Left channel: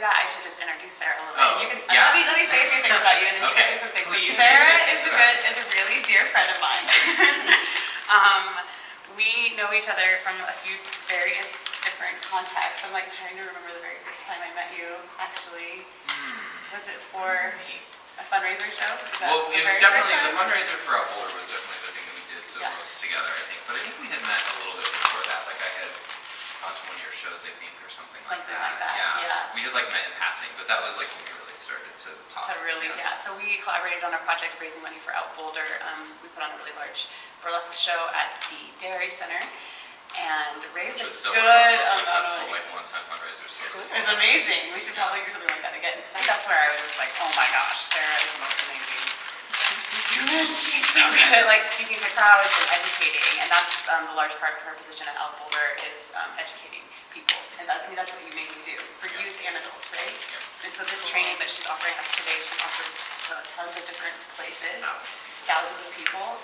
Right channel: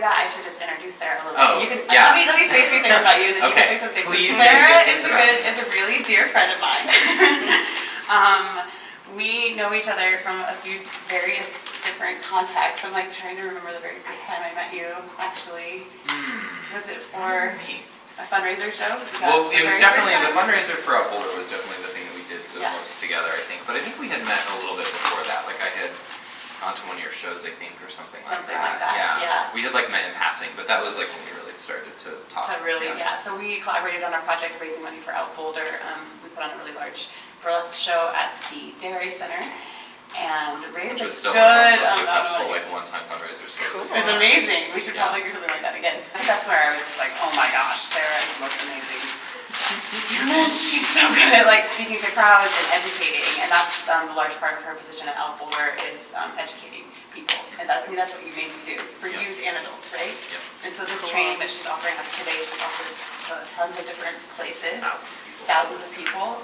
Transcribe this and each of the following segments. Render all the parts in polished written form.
that, I should just introduce Sara a little bit. Oh, You can, yeah. Let me say a few things about you, and then Okay. you can say some things. Please Sara say good things is a really dear friend of mine. We know each other from a few various different contexts. I'm like trying to remember the very first time I met you. Actually, was it for a fundraiser show? Well, it was definitely the fundraiser for Out Boulder was definitely the thing that we did the most together, I think. But I think we had met a little bit before that. Like I had gone to one of your shows, I think, or something like that. Yeah. We had like met in passing, but that was like when we really started to talk. So we collaborated on our project raising money for Out Boulder. We put on a really large burlesque show at the Dairy Center and raised Which was a still one of good the most amount successful of money. like one-time fundraisers. It was amazing. We should probably do something like that again. I think that's where I was just like, oh my gosh, Sara is the most amazing. She's so good at like speaking to crowds and educating, and that's the large part of her position at Out Boulder is educating people. And that's what you mainly do for youth and adults, right? And so this training that she's offering us today, she's offered to tons of different places, thousands of people.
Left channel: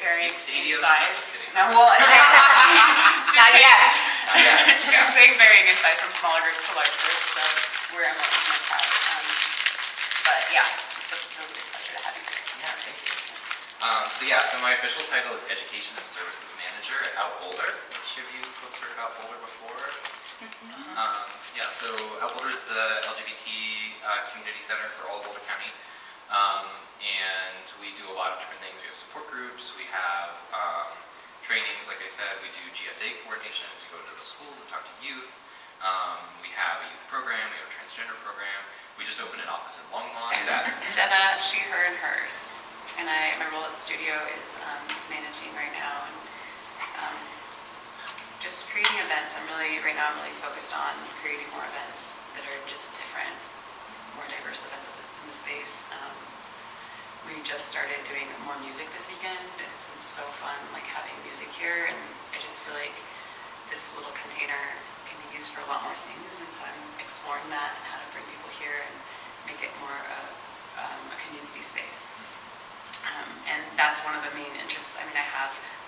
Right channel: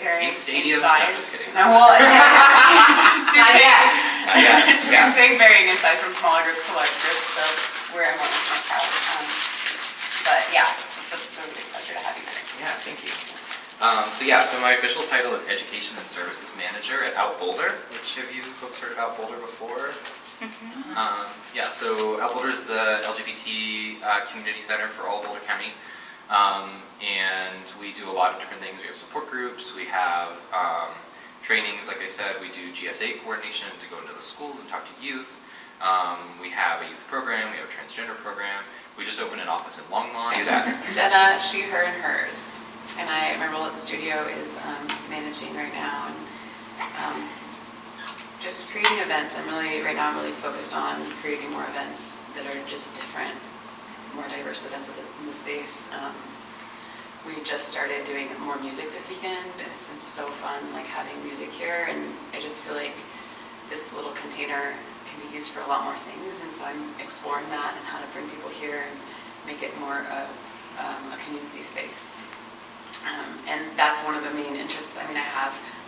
In stadiums? No, I'm just kidding. No, well, she's saying varying in size from smaller groups to large groups, so we're a more intimate crowd. But yeah, it's a really big pleasure to have you here. Yeah, thank you. So my official title is Education and Services Manager at Out Boulder. Which of you folks heard of Out Boulder before? So Out Boulder is the LGBT community center for all Boulder County. And we do a lot of different things. We have support groups, we have trainings, like I said, we do GSA coordination to go into the schools and talk to youth. We have a youth program, we have a transgender program. We just opened an office in Longmont. Do that. Jenna, she, her, and hers. And my role at the studio is managing right now and just creating events. Right now I'm really focused on creating more events that are just different, more diverse events in the space. We just started doing more music this weekend, and it's been so fun, like having music here. And I just feel like this little container can be used for a lot more things, and so I'm exploring that and how to bring people here and make it more of a community space. And that's one of the main interests.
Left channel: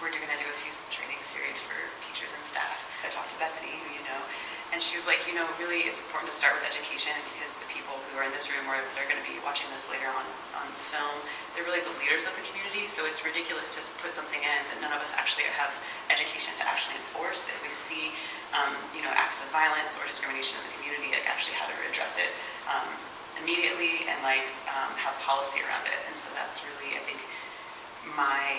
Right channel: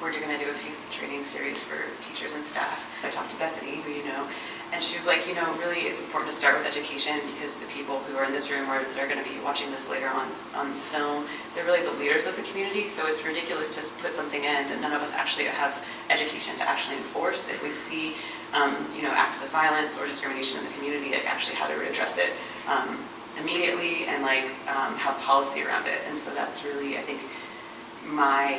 We're going to do a few training series for teachers and staff. I talked to Bethany, who you know, and she's like, really it's important to start with education because the people who are in this room or that are going to be watching this later on film, they're really the leaders of the community. So it's ridiculous to put something in that none of us actually have education to actually enforce. If we see, acts of violence or discrimination in the community, like actually how to address it immediately and have policy around it. And so that's really, I think, my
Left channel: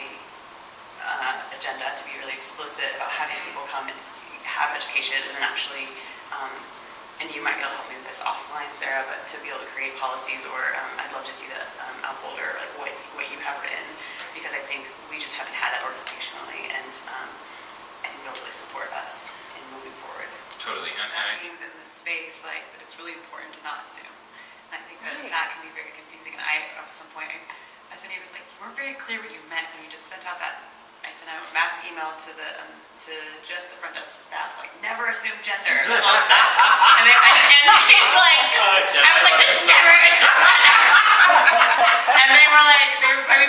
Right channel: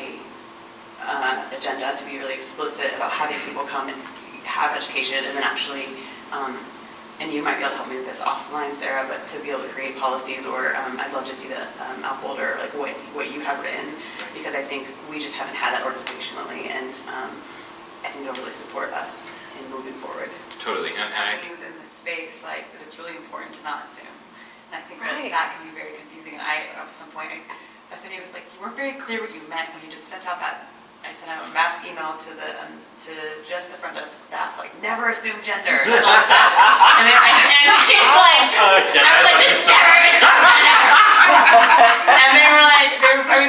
agenda, to be really explicit about having people come and have education and then actually, and you might be able to help me with this offline, Sara, but to be able to create policies or I'd love to see the Out Boulder, like what you have written, because I think we just haven't had that organizationally, and I think it'll really support us in moving forward. Totally. And things in this space, that it's really important to not assume. And I think that can be very confusing. And at some point, Bethany was like, you weren't very clear what you meant when you just sent out that. I sent out a mass email to just the front desk staff, like, never assume gender. That's all I said. And she's like, I was like, just never assume gender. And they were like,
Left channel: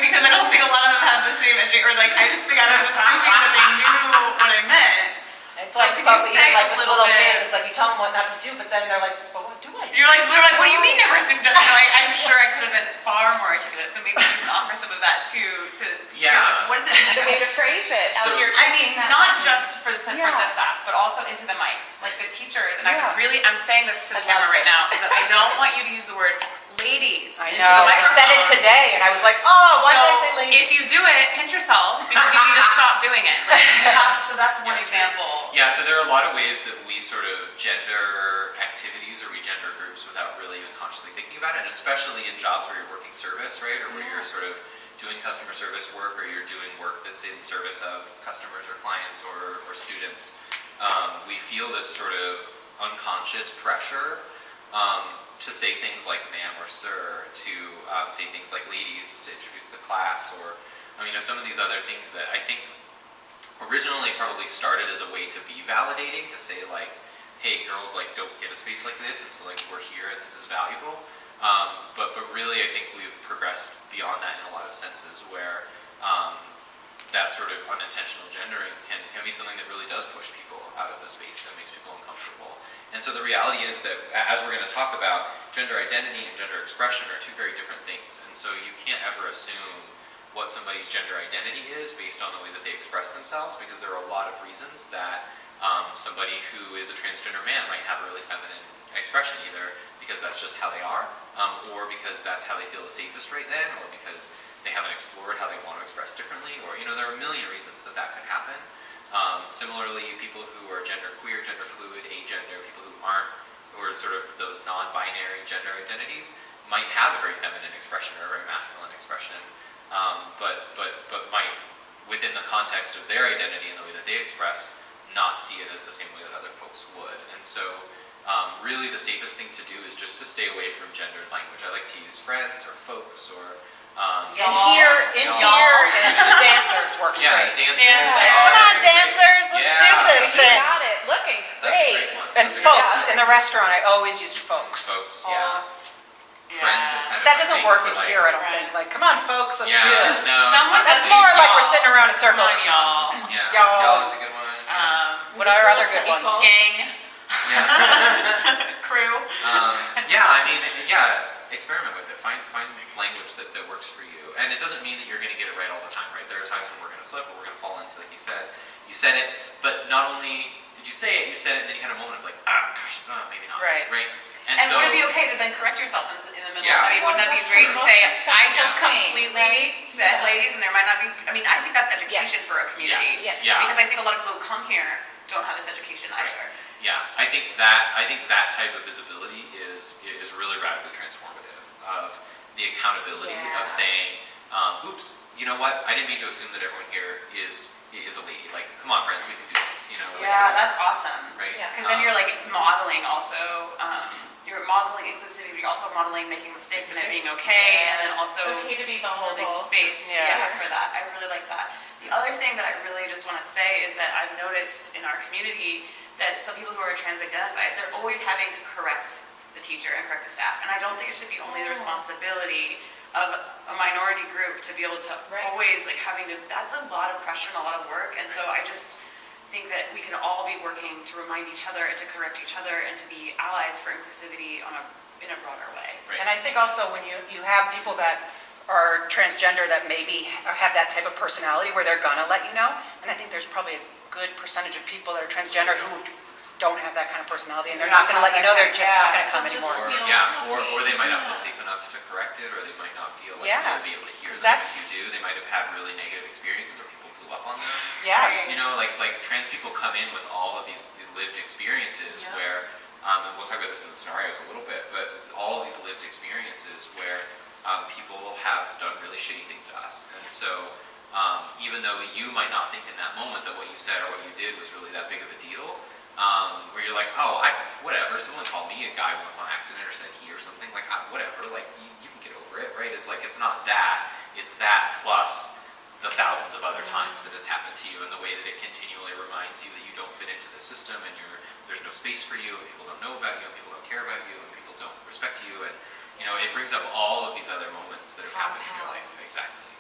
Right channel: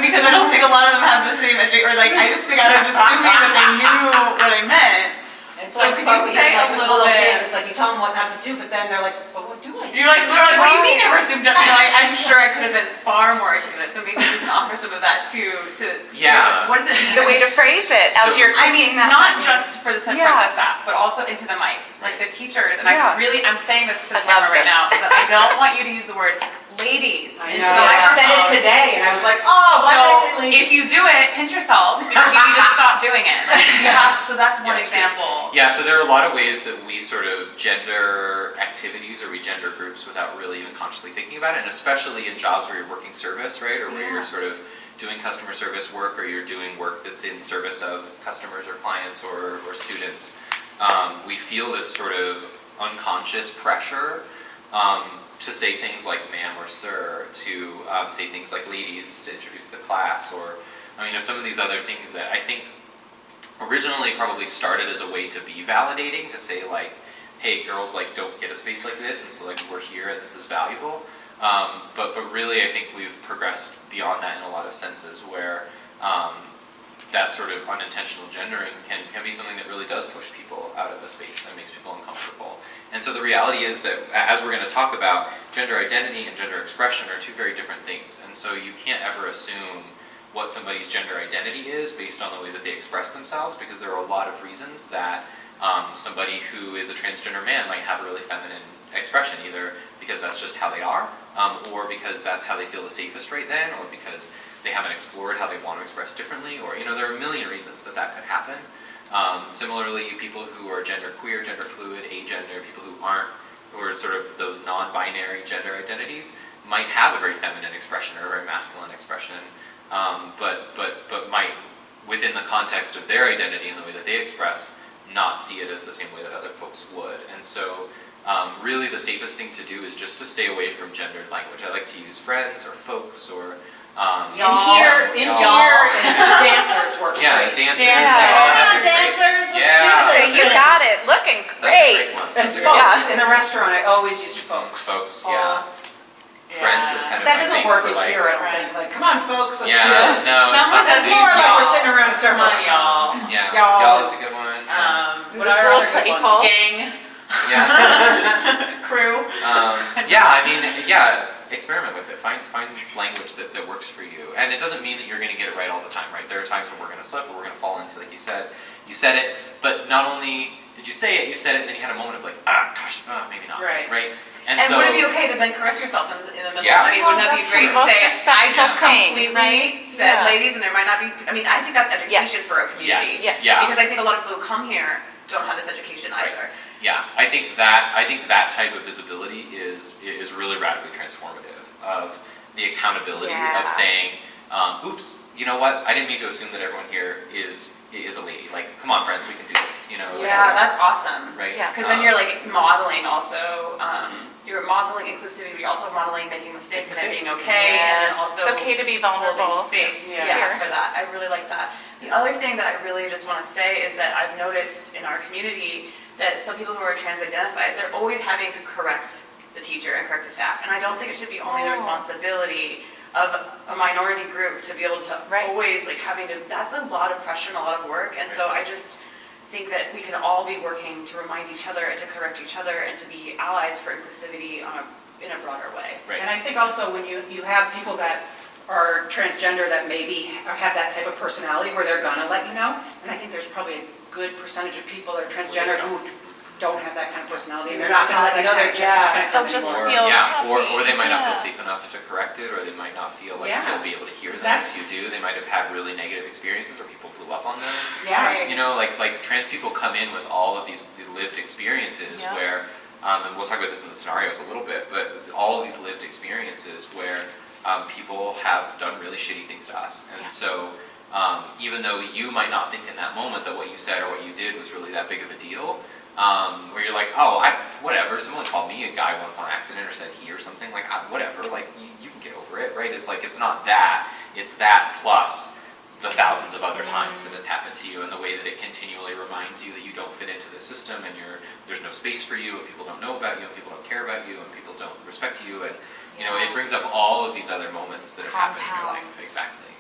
because I don't think a lot of them have the same education, or I just think I was assuming that they knew what I meant. It's so can you say a little bit? Kids, it's like you tell them what not to do, but then they're like, but what do I do? You're like, what do you mean never assume gender? I'm sure I could have been far more articulate, so maybe you can offer some of that too. What does it mean? The way to phrase it. Not just for the front desk staff, but also into the mic, like the teachers. And I'm saying this to the camera right now, is that I don't want you to use the word ladies into the microphone. I said it today, and I was like, why did I say ladies? If you do it, pinch yourself, because you need to stop doing it. So that's one example. Yeah, so there are a lot of ways that we sort of gender activities or we gender groups without really even consciously thinking about it, and especially in jobs where you're working service, right, or where you're sort of doing customer service work, or you're doing work that's in service of customers or clients or students. We feel this sort of unconscious pressure to say things like ma'am or sir, to say things like ladies, to introduce the class, or some of these other things that I think originally probably started as a way to be validating, to say like, hey, girls don't get a space like this, and so we're here and this is valuable. But really I think we've progressed beyond that in a lot of senses, where that sort of unintentional gendering can be something that really does push people out of a space and makes people uncomfortable. And so the reality is that, as we're going to talk about, gender identity and gender expression are two very different things. And so you can't ever assume what somebody's gender identity is based on the way that they express themselves, because there are a lot of reasons that somebody who is a transgender man might have a really feminine expression, either because that's just how they are, or because that's how they feel the safest right then, or because they haven't explored how they want to express differently, or, there are a million reasons that could happen. Similarly, people who are genderqueer, gender fluid, agender, people who are sort of those non-binary gender identities, might have a very feminine expression or a very masculine expression, but might, within the context of their identity and the way that they express, not see it as the same way that other folks would. And so really the safest thing to do is just to stay away from gendered language. I like to use friends or folks or in here, it's the dancers works great. Dancers. Hold on, dancers, let's do this. You got it, looking great. That's a great one. And folks, in the restaurant, I always use folks. Folks, yeah. Friends is kind of That my doesn't thing work for, here, I don't think. Like, come on, folks, let's do Yeah, this. no, it's Someone not does the It's same. more like y'all. we're sitting around in a circle. Come on, y'all. Yeah, Y'all. y'all is a good one. Yeah. What are other good ones? Gang, Yeah. crew. Experiment with it. Find language that works for you. And it doesn't mean that you're going to get it right all the time, right? There are times where we're going to slip, where we're going to fall into, like you said it, but not only did you say it, you said it, and then you had a moment of like, maybe not. Right. And And so, would it be okay to then correct yourself in the middle? Yeah. I mean, wouldn't that be That's great to true. say, Most I just respectful thing, completely right? said Yeah. ladies, and there might not be, I think that's education Yes. for a community. Yes. Yes. Yeah. Because I think a lot of people who come here don't have this education Right. either. yeah, I think that type of visibility is really radically transformative of the accountability Yeah. of saying, oops, you know what? I didn't mean to assume that everyone here is a lady. Like, come on, friends, we can do this. Yeah, that's awesome. Right. Yeah, because then you're like modeling also, you're modeling inclusivity, but you're also modeling making mistakes and it being okay, and then also It's okay to be holding vulnerable. space Yeah. for that. I really like that. The other thing that I really just want to say is that I've noticed in our community that some people who are trans-identified, they're always having to correct the teacher and correct the staff. And I don't think it should be only the responsibility of a minority group to be able to always that's a lot of pressure and a lot of work. And so I just think that we can all be working to remind each other and to correct each other and to be allies for inclusivity in a broader way. Right. And I think also when you have people that are transgender that maybe have that type of personality where they're gonna let you know, and I think there's probably a good percentage of people that are transgender who don't have that kind of personality, and they're not gonna let you know, they're just not gonna come They'll just anymore. feel or they might not feel Yeah. safe enough to correct it, or they might not feel like Yeah. you'll be able to hear 'Cause them if that's- you do. They might have had really negative experiences, or people blew up on them. Yeah. Right. Like trans people come in with all of these lived experiences Yeah. where, and we'll talk about this in the scenarios a little bit, but all of these lived experiences where people have done really shitty things to us. And so even though you might not think in that moment that what you said or what you did was really that big of a deal, where you're like, whatever, someone called me a guy once on accident or said he or something, like, whatever, like, you can get over it, right? It's like, it's not that, it's that plus the thousands of other times that it's happened to you, and the way that it continually reminds you that you don't fit into the system, and there's no space for you, and people don't know about you, and people don't care about you, and people don't respect you, and it brings up all of these other moments that have happened in your life. Exactly.